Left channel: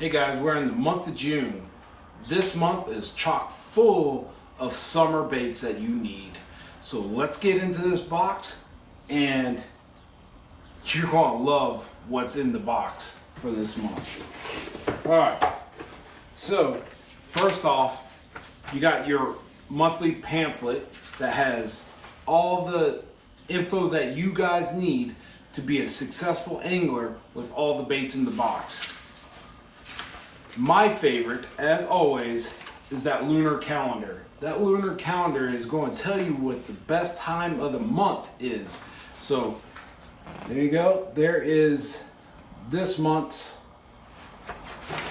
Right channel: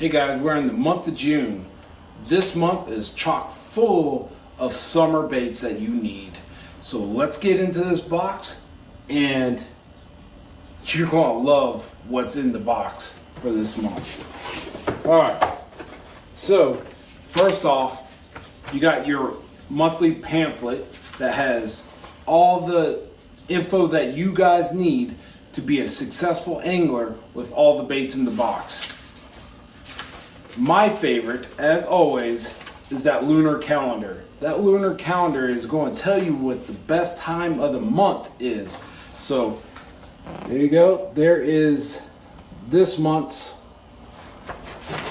Hey guys, we're in the month of June. This month is chock full of summer baits that you need. So let's get into this box and you're gonna love what's in the box for this month. All right, so first off, you got your monthly pamphlet that has all the info that you guys need to be a successful angler with all the baits in the box. My favorite, as always, is that lunar calendar. That lunar calendar is going to tell you what the best time of the month is. So there you go. There is this month's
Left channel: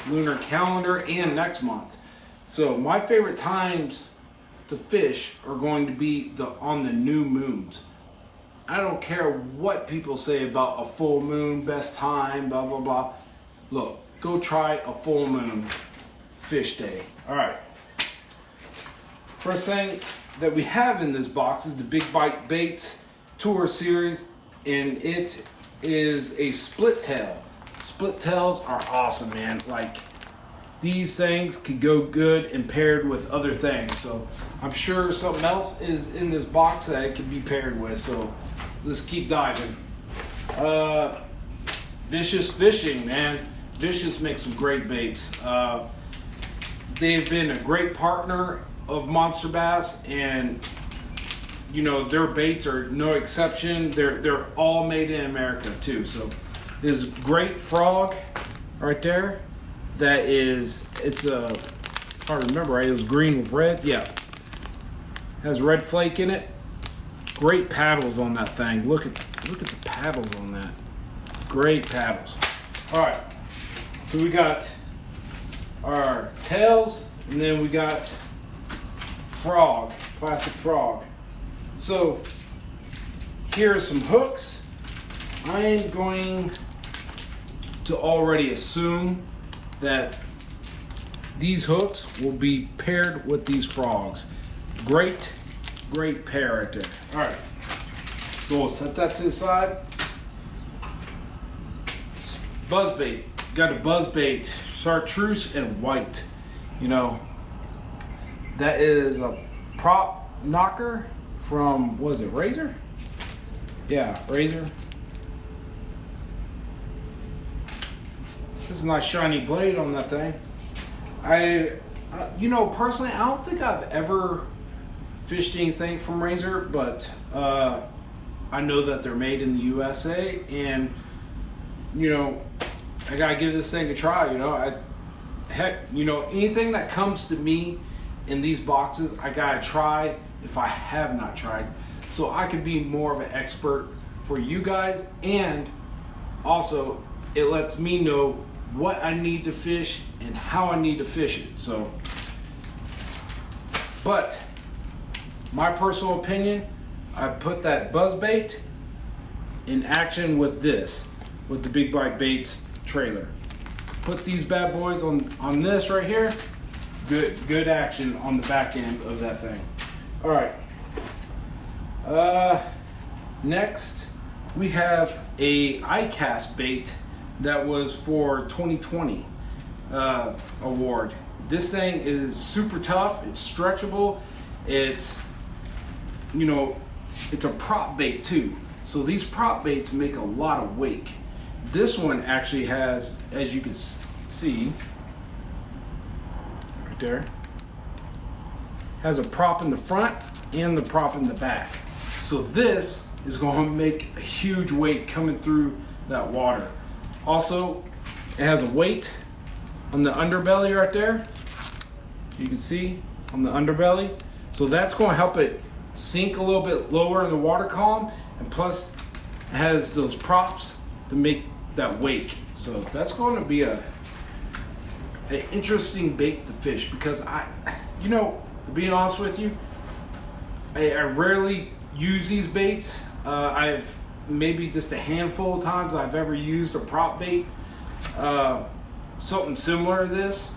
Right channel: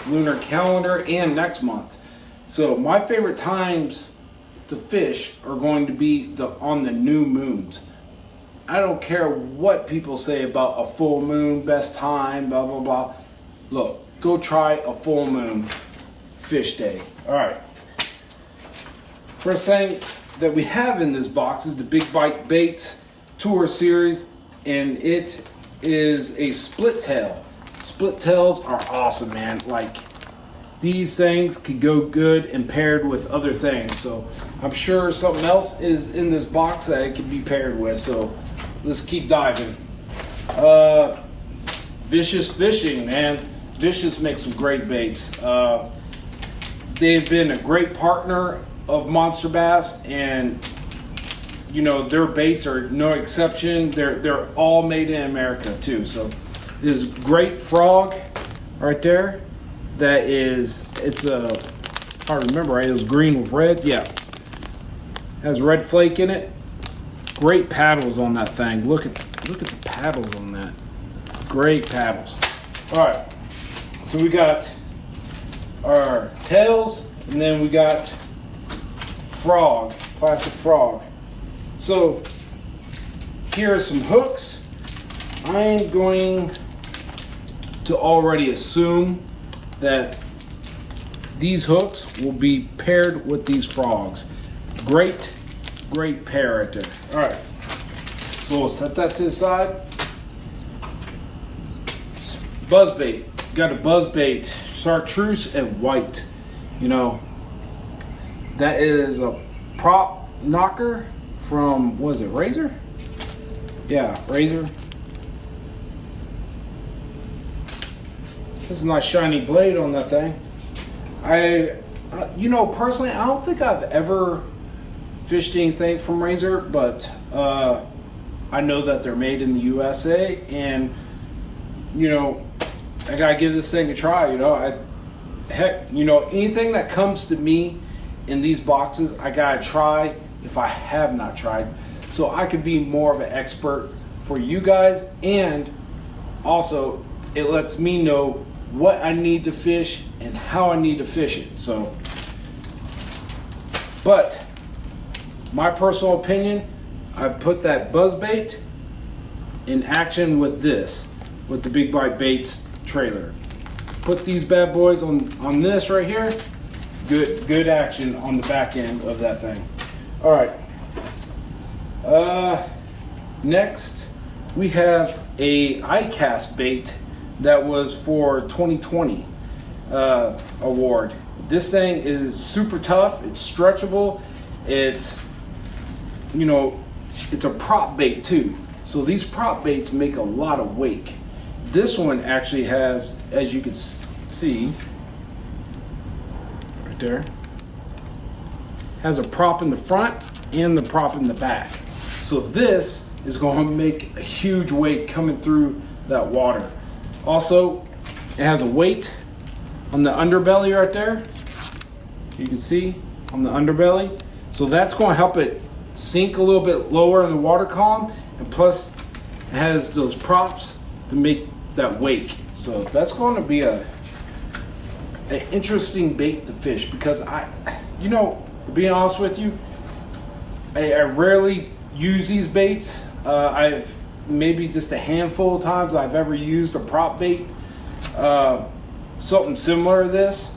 lunar calendar and next month. So my favorite times to fish are going to be on the new moons. I don't care what people say about a full moon, best time, blah, blah, blah. Look, go try a full moon fish day. All right. First thing that we have in this box is the Big Bite Baits Tour Series, and it is a split tail. Split tails are awesome, man. Like, these things could go good and paired with other things. So I'm sure something else is in this box that it can be paired with. So let's keep diving. Vicious Fishing, man. Vicious makes some great baits. They've been a great partner of Monster Bass, and you know their baits are no exception. They're all made in America too. So this great frog right there. It's a, if I remember right, it was green with red. Yeah, has red flake in it. Great paddles on that thing. Look at the paddles on that. Great paddles. All right. So we got our tails, and then we got frog, classic frog. So here are some hooks. I am going to already assume that these hooks will be paired with these frogs. Great pair right there. All right, so we'll set that to the side. Buzzbait. Got a buzzbait, chartreuse and white. You know, that is a prop knocker from, what is it, Razor? Yeah, Razor. This is a nice shiny blade on that thing. You know, personally, I don't think I've ever fished anything from Razor, but I know that they're made in the USA, and you know, I gotta give this thing a try. You know, anything that comes to me in these boxes, I gotta try if I have not tried, so I could be more of an expert for you guys, and also it lets me know what I need to fish and how I need to fish it. So, but my personal opinion, I put that buzzbait in action with the Big Bite Baits trailer. Put these bad boys on this right here. Good action on the back end of that thing. All right. Next we have a iCast bait that was for 2020 award. This thing is super tough. It's stretchable. It's, you know, it's a prop bait too. So these prop baits make a lot of wake. This one actually has, as you can see, right there, has a prop in the front and the prop in the back. So this is going to make a huge weight coming through that water. Also, it has a weight on the underbelly right there. You can see on the underbelly. So that's going to help it sink a little bit lower in the water column, and plus it has those props to make that wake. So that's going to be an interesting bait to fish, because you know, to be honest with you, I rarely use these baits. I've maybe just a handful of times I've ever used a prop bait, something similar to this,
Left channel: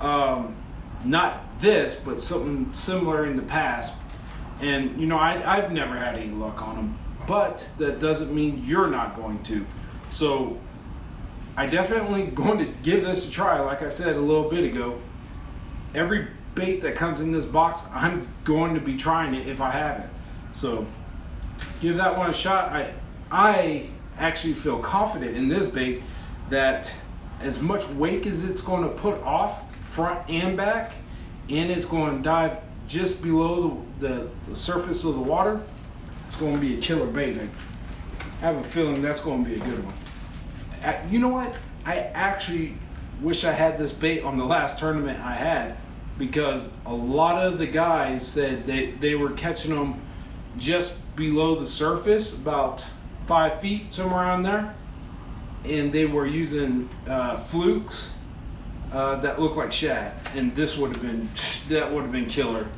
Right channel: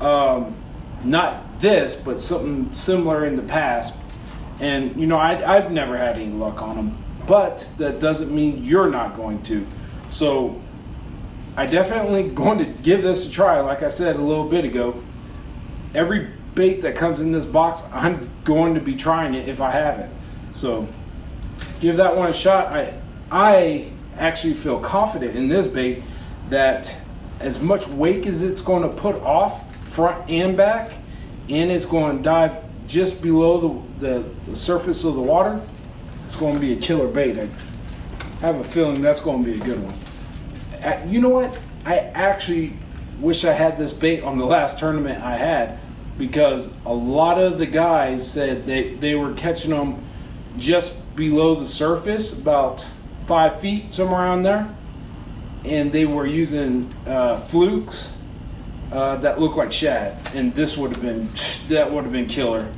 not this, but something similar in the past. And you know, I've never had any luck on them, but that doesn't mean you're not going to. So I definitely going to give this a try. Like I said a little bit ago, every bait that comes in this box, I'm going to be trying it if I have it. So give that one a shot. I actually feel confident in this bait that as much wake as it's going to put off front and back, and it's going to dive just below the surface of the water, it's going to be a killer bait. I have a feeling that's going to be a good one. You know what? I actually wish I had this bait on the last tournament I had, because a lot of the guys said they were catching them just below the surface, about 5 feet, somewhere around there. And they were using flukes that looked like shad. And that would have been killer.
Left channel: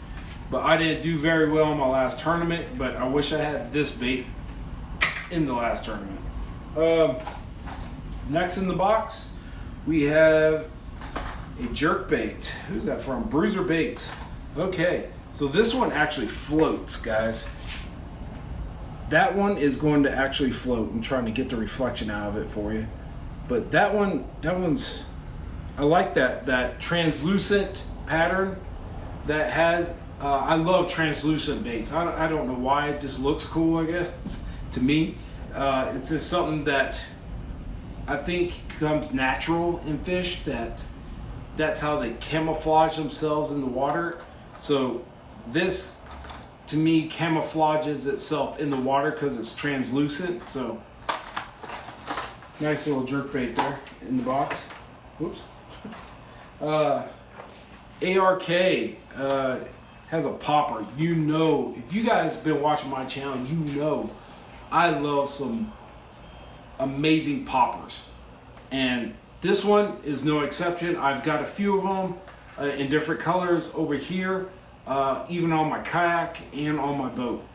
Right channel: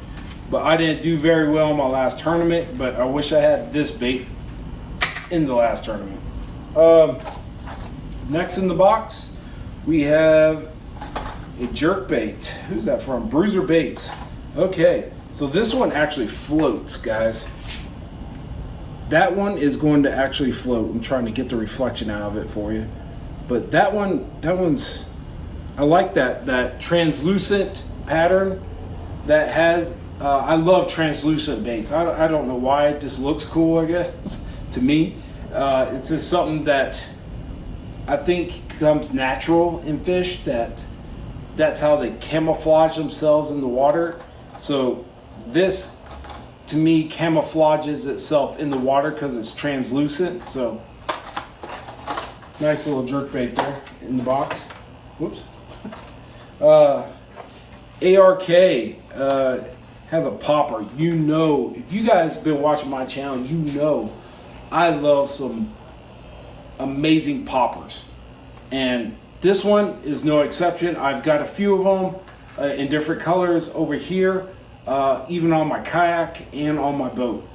But I didn't do very well in my last tournament, but I wish I had this bait in the last tournament. Next in the box, we have a jerk bait. Who's that from? Bruiser Baits. Okay, so this one actually floats, guys. That one is going to actually float. I'm trying to get the reflection out of it for you. But that one's, I like that translucent pattern that has, I love translucent baits. I don't know why, it just looks cool, I guess, to me. It's just something that I think comes natural in fish, that's how they camouflage themselves in the water. So this, to me, camouflages itself in the water because it's translucent. So nice little jerk bait there in the box. Whoops. ARK has a popper. You know, if you guys been watching my channel, you know I love some amazing poppers, and this one is no exception. I've got a few of them in different colors over here, even on my kayak and on my boat.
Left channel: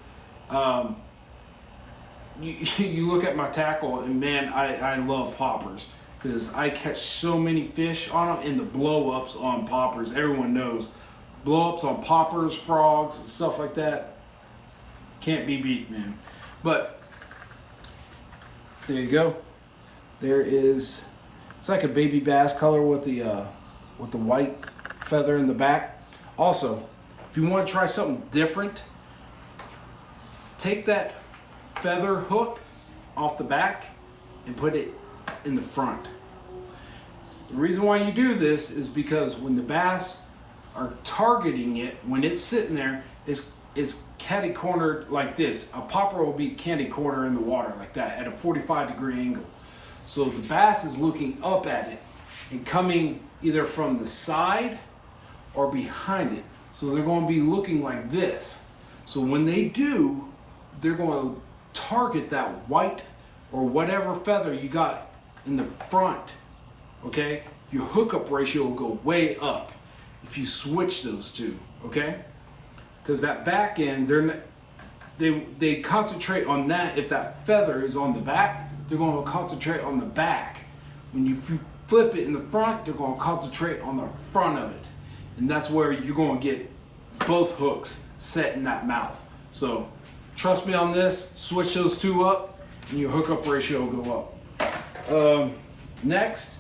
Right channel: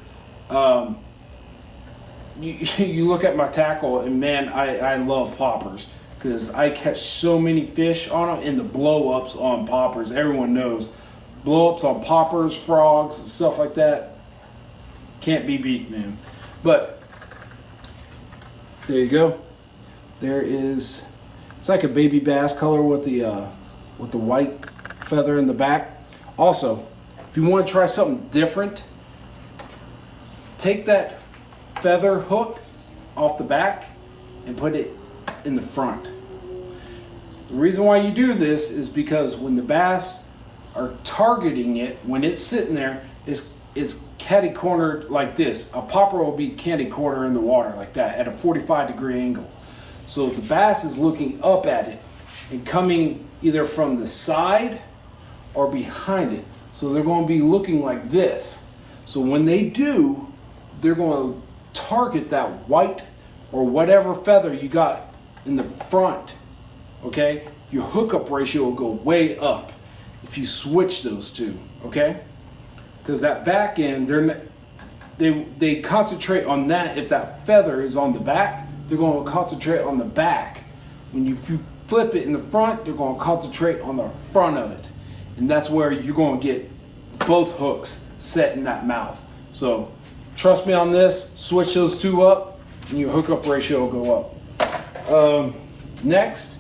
You look at my tackle, and man, I love poppers because I catch so many fish on them. And the blow-ups on poppers, everyone knows, blow-ups on poppers, frogs, and stuff like that, can't be beat, man. But there you go. There is, it's like a baby bass color with the white feather in the back. Also, if you want to try something different, take that feather hook off the back and put it in the front. The reason why you do this is because when the bass are targeting it, when it's sitting there, it's catty-cornered like this. A popper will be catty-cornered in the water like that at a 45-degree angle. So the bass is looking up at it and coming either from the side or behind it. So they're going to be looking like this. So when they do, they're going to target that white or whatever feather you got in the front, okay? Your hookup ratio will go way up if you switch those two, okay? Because that back end, they concentrate on that. If that feather is on the back, they're going to concentrate on the back. When you flip it in the front, they're going to concentrate on the front of it. And that's where you're going to get both hooks set in that mouth. So trust me on this, switch those two up and your hookup ratio will go up. Next,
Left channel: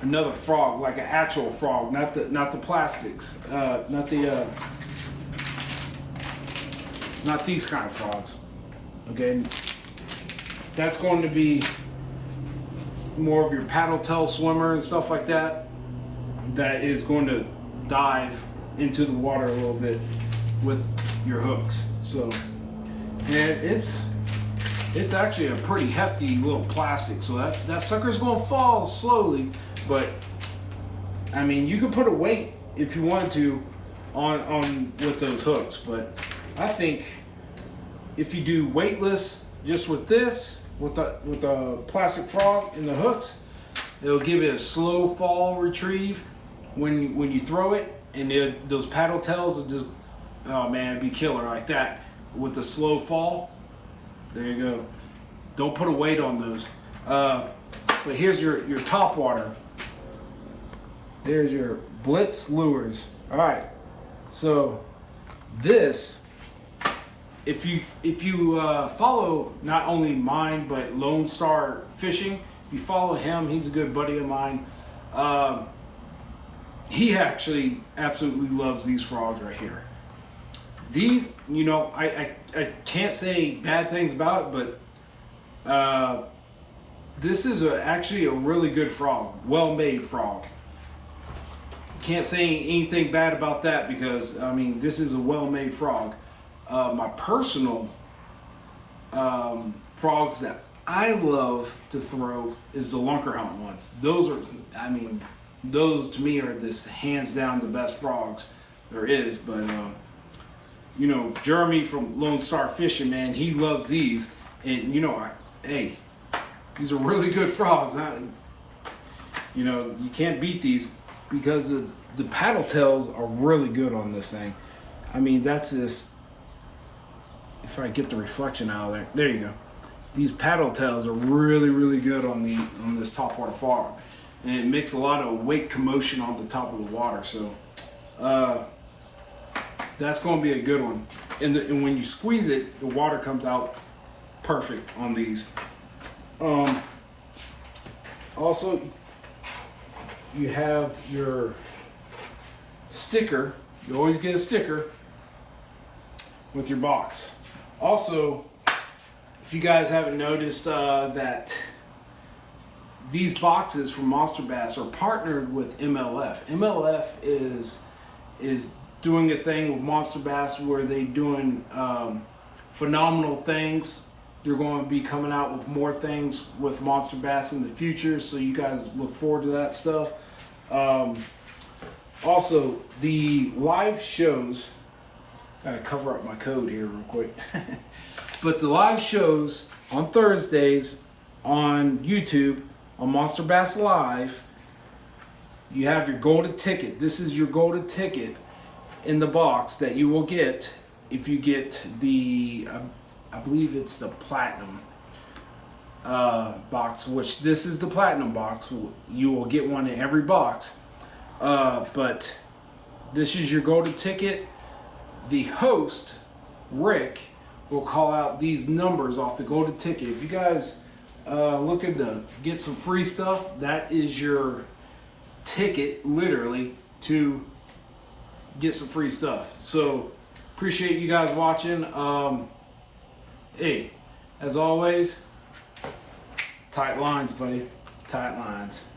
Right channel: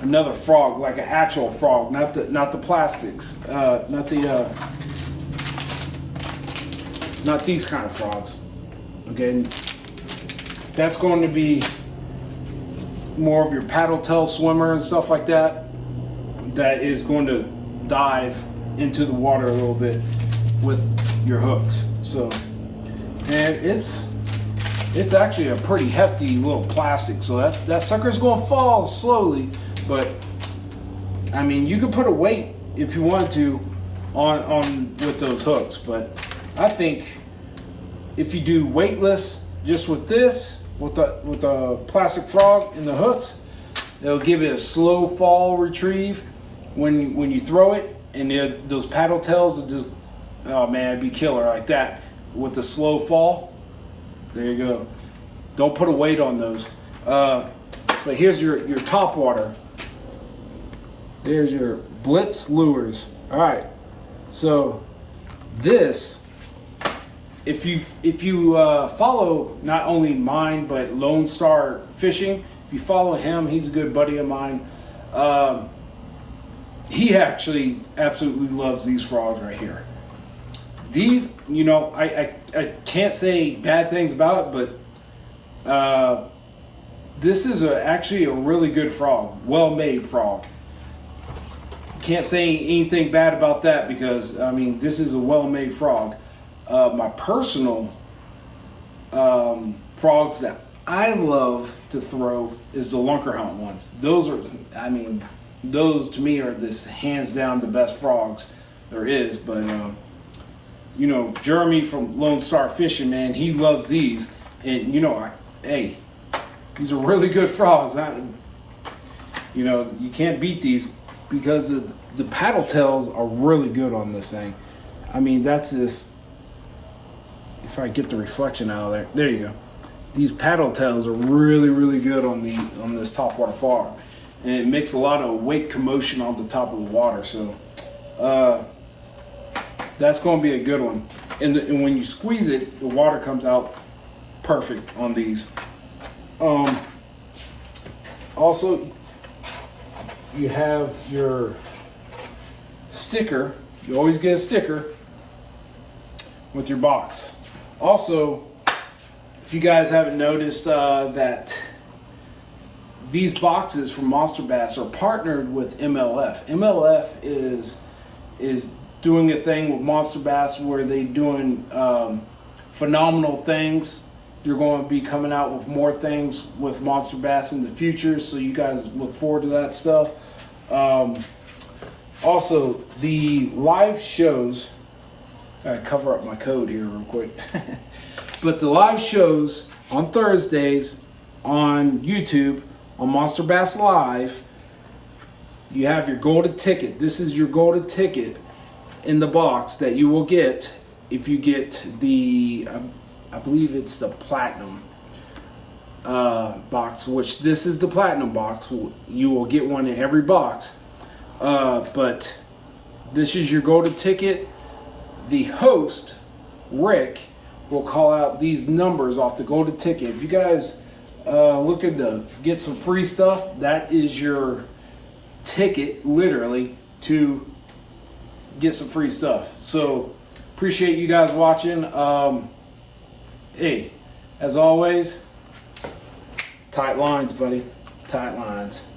another frog, like an actual frog, not the plastics, not these kind of frogs. Okay, that's going to be more of your paddle tail swimmer and stuff like that. That is going to dive into the water a little bit with your hooks. So, and it's actually a pretty hefty little plastic. So that sucker's going to fall slowly, but I mean, you could put a weight if you wanted to on with those hooks. But I think if you do weightless, just with this, with the plastic frog and the hooks, it'll give it a slow fall retrieve when you throw it, and those paddle tails will just, oh man, it'd be killer like that with the slow fall. There you go. Don't put a weight on those. But here's your top water. There's your Blitz lures. All right. So this, if you follow not only mine but Lone Star Fishing, If you follow him, he's a good buddy of mine. He actually absolutely loves these frogs right here. These, you know, I can't say bad things about it, but this is actually a really good frog, well-made frog. Can't say anything bad about that because, I mean, this is a well-made frog. My personal frogs that I love to throw is the Lunkerhunt ones. Those are, I mean, those to me are this hands down the best frogs there is. But you know, Jeremy from Lone Star Fishing, man, he loves these, and you know, hey, these are really good frogs. You know, you can't beat these because the paddle tails are really good on this thing. I mean, that's this. If I get the reflection out of there you go. These paddle tails are really, really good on this topwater frog, and it makes a lot of wake commotion on the top of the water. So that's going to be a good one. And when you squeeze it, the water comes out perfect on these. Also, you have your sticker. You always get a sticker with your box. Also, if you guys haven't noticed that these boxes from Monster Bass are partnered with MLF. MLF is doing a thing with Monster Bass where they're doing phenomenal things. They're going to be coming out with more things with Monster Bass in the future, so you guys look forward to that stuff. Also, the live shows, gotta cover up my code here real quick. But the live shows on Thursdays on YouTube, on Monster Bass Live, you have your golden ticket. This is your golden ticket in the box that you will get if you get the, I believe it's the platinum box, which this is the platinum box. You will get one in every box. But this is your golden ticket. The host, Rick, will call out these numbers off the golden ticket. If you guys looking to get some free stuff, that is your ticket, literally, to get some free stuff. So appreciate you guys watching. Hey, as always, tight lines, buddy. Tight lines.